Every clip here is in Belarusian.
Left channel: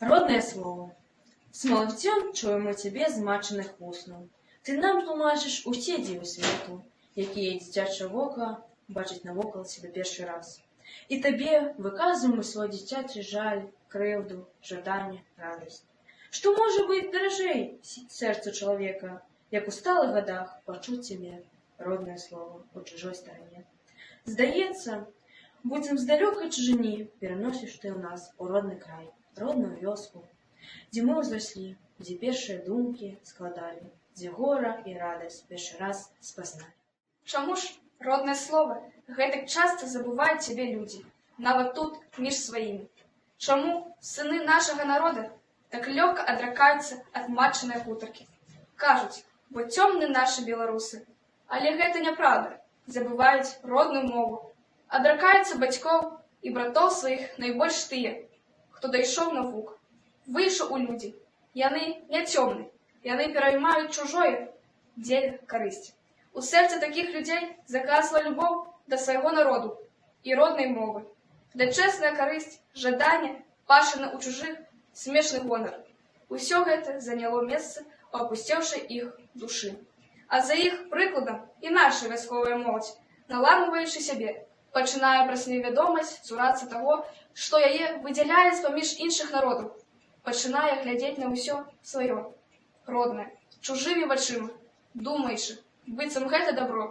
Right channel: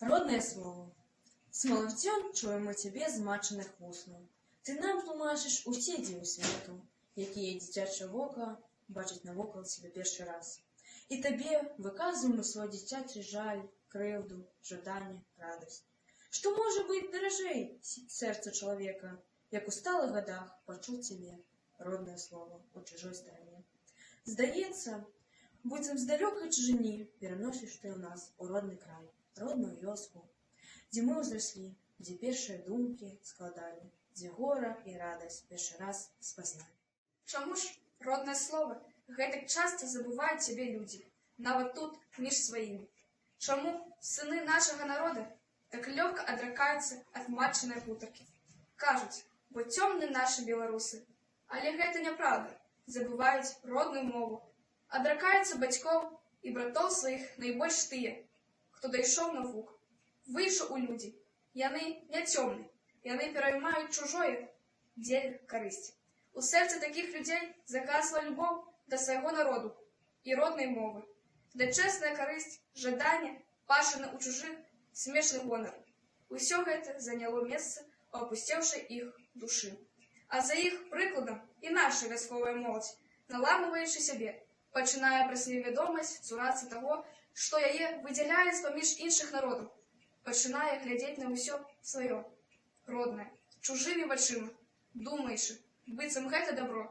Родное слово. Смолотцем чуємо тебе змачених вуснаў. Ты нам тлумачыш усе дзівы свету, якія дзіцячае вока бачыць навокал себе першы раз. І табе выказваем свой дзіцячы жаль, крыўду, жаданне, радасць. Што можа быць даражэй сэрцу чалавека, як у сталых гадах пачуць цябе роднае слово у чужой старане. Здаецца, будзем з далёкай чужыні пераносіш ты ў нас у родны край, родную вёску, дзе мы ўзраслі, дзе першыя думкі складалі, дзе гора і радасць першы раз спазналі. Чаму ж роднае слово гэтак часта забываюць цябе людзі, нават тут між сваімі? Чаму сыны нашага народа так лёгка адракаюцца ад матчынай гутаркі? Кажуць, бо цёмны нашы беларусы. Але гэта няправда. Забываюць родную мову. Адракаюцца бацькоў і братоў сваіх найбольш тыя, хто дайшоў навук, выйшаў у людзі. Яны не цёмны, яны пераймаюць чужое дзеля карысці. У сэрцы такіх людзей закасла любоў да свайго народу і роднай мовы. Да чэсная карысць, жаданне, пашана ў чужых, смешны гонар. Усё гэта заняло месца ў апусцеўшай іх душы. А за іх прыкладам і наша вясковая моладзь, наламваючы сябе, пачынае праз невядомасць цурацца таго, што яе выдзяляе з-паміж іншых народаў, пачынае глядзець на ўсё сваё, роднае, чужымі вачыма, думаючы, быццам гэта дабро,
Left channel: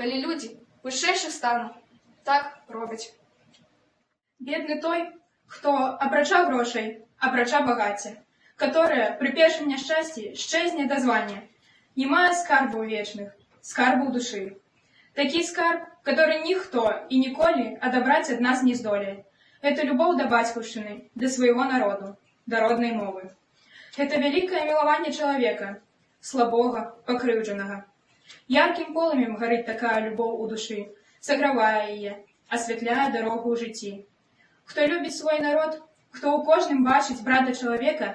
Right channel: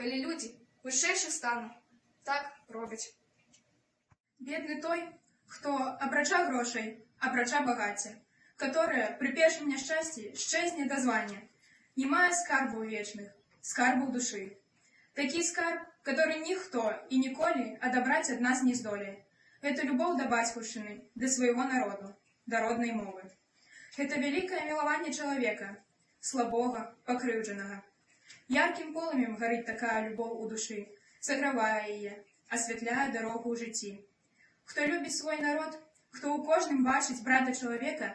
калі людзі вышэйшых стану так робяць. Бедны той, хто апрача грошай, апрача багацця, которое пры першым няшчасці шчэзне да звання, не мае скарбаў вечных, скарбаў душы. Такі скарб, который ніхто і ніколі адабраць ад нас не здолее. Это любоў да бацькаўшчыны, да свайго народу, да роднай мовы. Это вялікае мілаванне чалавека, слабога, пакрыўджанага. Яркім полымем гарыць такая любоў у душы, сагравае яе, асвятляе дарогу ў жыцці. Хто любіць свой народ, хто ў кожным бачыць брата чалавека,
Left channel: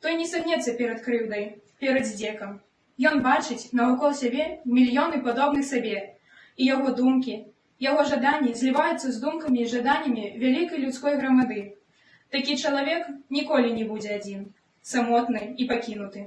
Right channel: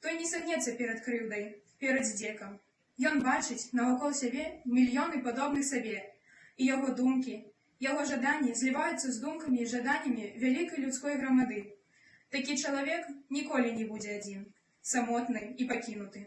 той не сагнецца перад крыўдай, перад здзекам. Ён бачыць навокал сябе мільёны падобных сабе, і яго думкі, яго жаданні зліваюцца з думкамі і жаданнямі вялікай людской грамады. Такі чалавек ніколі не будзе адзін, самотны і пакінуты.